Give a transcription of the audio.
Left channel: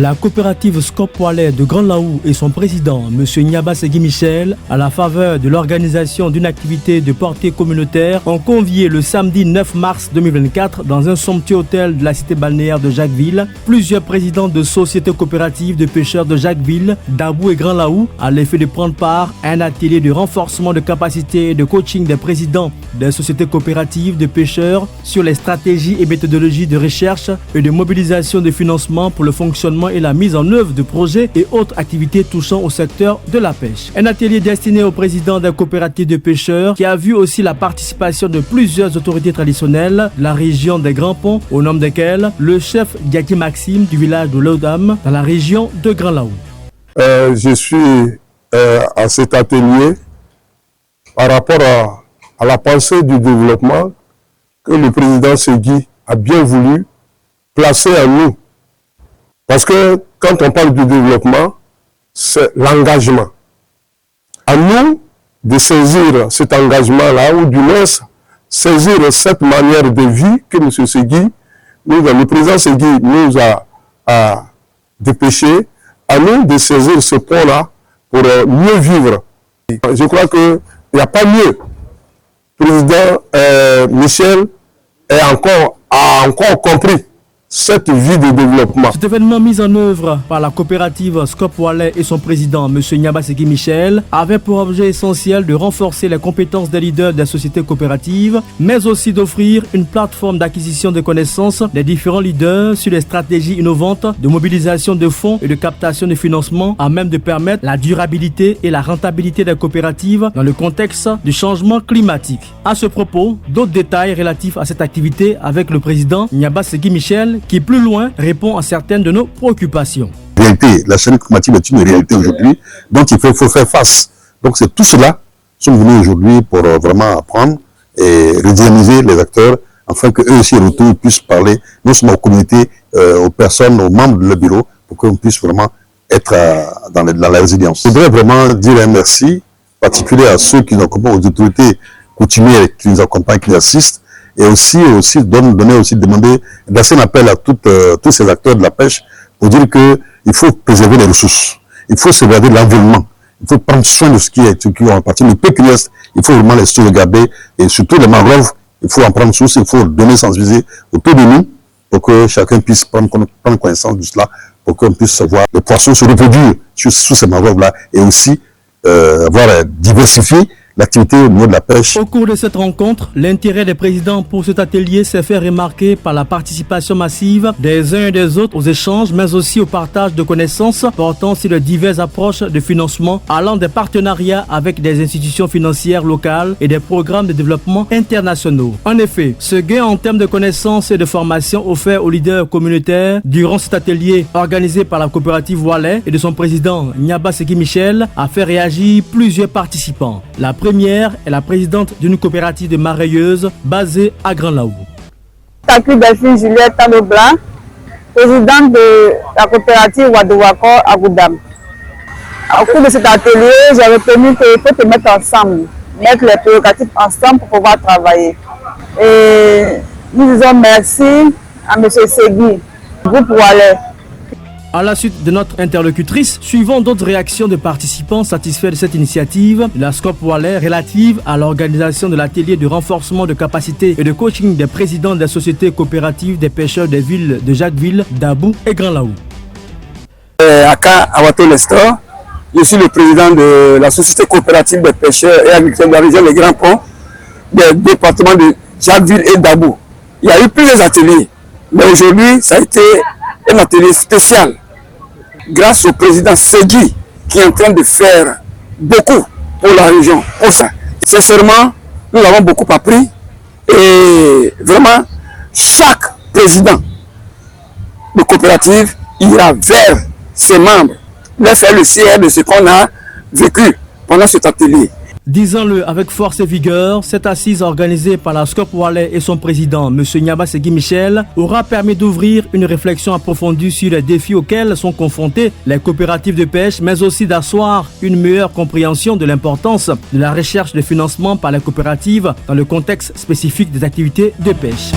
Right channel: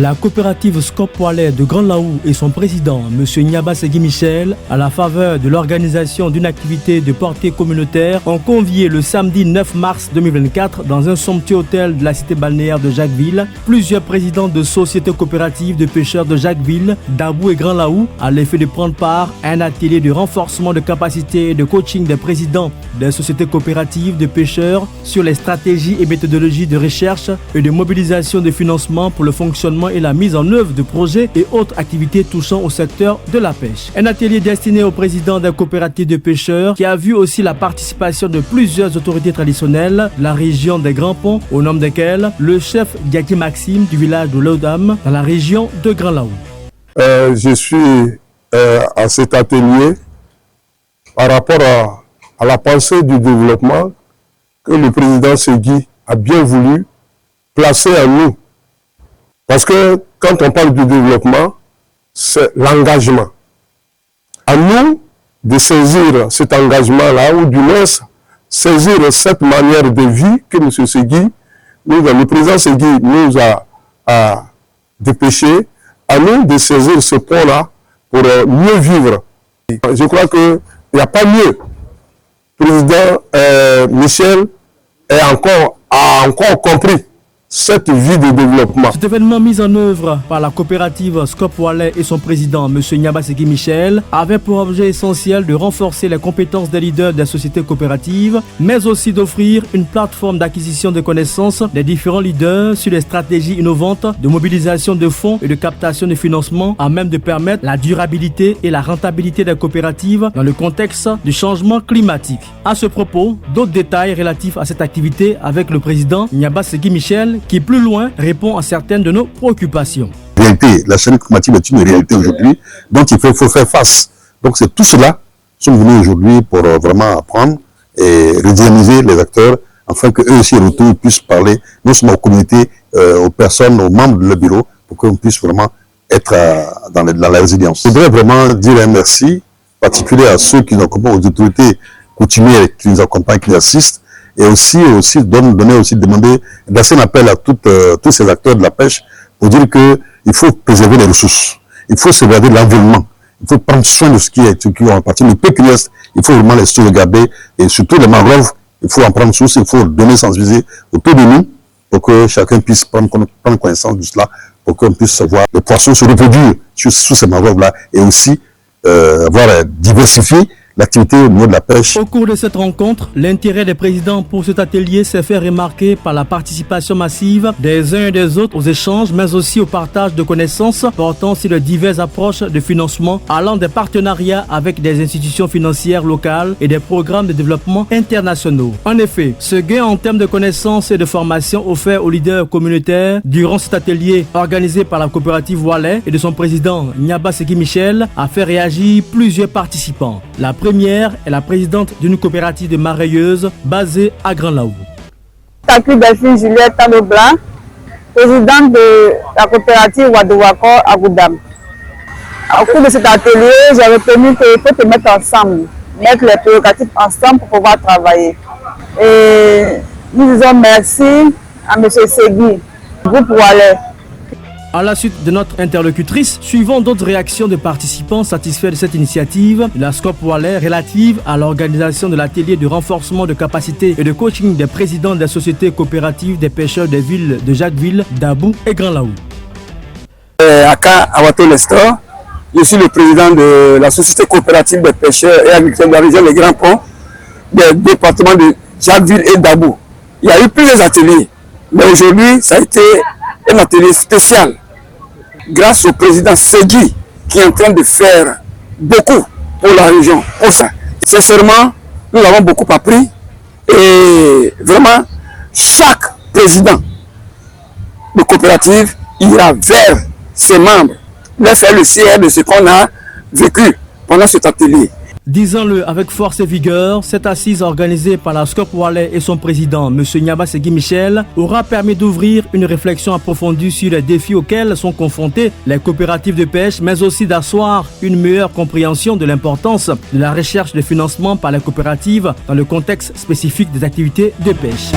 La coopérative Scope Wallet de Grand Laou et son président, M. Nyaba Segui Michel, à la faveur de l'organisation d'une activité de portée communautaire, ont convié le samedi 9 mars 2024 dans un somptueux hôtel de la cité balnéaire de Jacquesville plusieurs présidents de sociétés coopératives de pêcheurs de Jacquesville, Dabou et Grand Laou à l'effet de prendre part à un atelier de renforcement de capacité et de coaching des présidents des sociétés coopératives de pêcheurs sur les stratégies et méthodologies de recherche et de mobilisation de financement pour le fonctionnement et la mise en œuvre de projets et autres activités touchant au secteur de la pêche. Un atelier destiné au président des coopératives de pêcheurs qui a vu aussi la participation de plusieurs autorités traditionnelles de la région des Grands Ponts, au nom desquels le chef Diaki Maxime du village de Laudam dans la région de Grand Laou. Je suis à cet atelier par rapport à la pensée du développement que le président Segui a bien voulu placer à nous. Parce que quand on parle du développement, c'est l'engagement. À nous de saisir cet engagement-là, ou du moins saisir cette manière de vie que M. Segui, le président Segui nous a dépêché, à nous de saisir ce point-là pour mieux vivre. Je crois qu'il n'y a pas mieux. Le président Michel a encore compris cette vie de développement. Cet événement mis en œuvre par la coopérative Scope Wallet et son président, M. Nyaba Segui Michel, avait pour objet essentiel de renforcer les compétences des leaders des sociétés coopératives, mais aussi d'offrir une plateforme d'acquisition de connaissances des différents leaders sur les stratégies innovantes de mobilisation de fonds et de captation de financement à même de permettre la durabilité et la rentabilité des coopératives dans le contexte du changement climatique. À ce propos, d'autres détails relatifs à cette activité avec le président Nyaba Segui Michel, qui plus loin répond à certaines de nos préoccupations. La réalité, la chaîne climatique est une réalité aujourd'hui, donc il faut faire face. Donc c'est tout cela qui sont venus aujourd'hui pour vraiment apprendre et redynamiser les acteurs, afin qu'eux aussi retournent, puissent parler non seulement aux communautés, aux personnes, aux membres de leur bureau, pour qu'on puisse vraiment être dans la résilience. Je voudrais vraiment dire un merci particulier à ceux qui nous accompagnent, aux autorités coutumières qui nous accompagnent, qui nous assistent, et aussi demander lancer un appel à tous ces acteurs de la pêche pour dire qu'il faut préserver les ressources, il faut sauvegarder l'environnement, il faut prendre soin de ce qui en partie. Le peu qui reste, il faut vraiment les sauvegarder, et surtout les mangroves, il faut en prendre source, il faut donner sensibiliser autour de nous pour que chacun puisse prendre connaissance de cela, pour qu'on puisse voir les poissons se reproduire sur ces mangroves-là, et aussi diversifier l'activité au niveau de la pêche. Au cours de cette rencontre, l'intérêt des présidents pour cet atelier s'est fait remarquer par la participation massive des uns et des autres aux échanges, mais aussi au partage de connaissances portant sur les diverses approches de financement allant des partenariats avec des institutions financières locales et des programmes de développement internationaux. En effet, ce gain en termes de connaissances et de formation offert aux leaders communautaires durant cet atelier organisé par la coopérative Wallet et de son président Nyaba Segui Michel a fait réagir plusieurs participants. La première est la présidente d'une coopérative de mareyeuses basée à Grand Laou. Takui Delphine Juliette Tano-Blanc, présidente de la coopérative Wadouako à Goudam. Au cours de cet atelier, j'ai retenu qu'il faut te mettre ensemble, mettre les prérogatives ensemble pour pouvoir travailler. Et nous disons merci à M. Segui, groupe Wallet. À la suite de notre interlocutrice, suivons d'autres réactions de participants satisfaits de cette initiative de la Scope Wallet relative à l'organisation de l'atelier de renforcement de capacité et de coaching des présidents des sociétés coopératives des pêcheurs des villes de Jacquesville, Dabou et Grand Laou. Aka Awato Nestor, je suis le président de la société coopérative des pêcheurs et agriculteurs de la région des Grands Ponts, des départements de Jacquesville et Dabou. Il y a eu plusieurs ateliers, mais aujourd'hui, ça a été un atelier spécial grâce au président Segui qui est en train de faire beaucoup pour la région. Pour ça, sincèrement, nous avons beaucoup appris et vraiment, chaque président de coopérative ira vers ses membres, leur faire le CR de ce qu'on a vécu pendant cet atelier. Disons-le avec force et vigueur, cette assise organisée par la Scope Wallet et son président, M. Nyaba Segui Michel, aura permis d'ouvrir une réflexion approfondie sur les défis auxquels sont confrontées les coopératives de pêche, mais aussi d'asseoir une meilleure compréhension de l'importance de la recherche de financement par les coopératives dans le contexte spécifique des activités de pêche.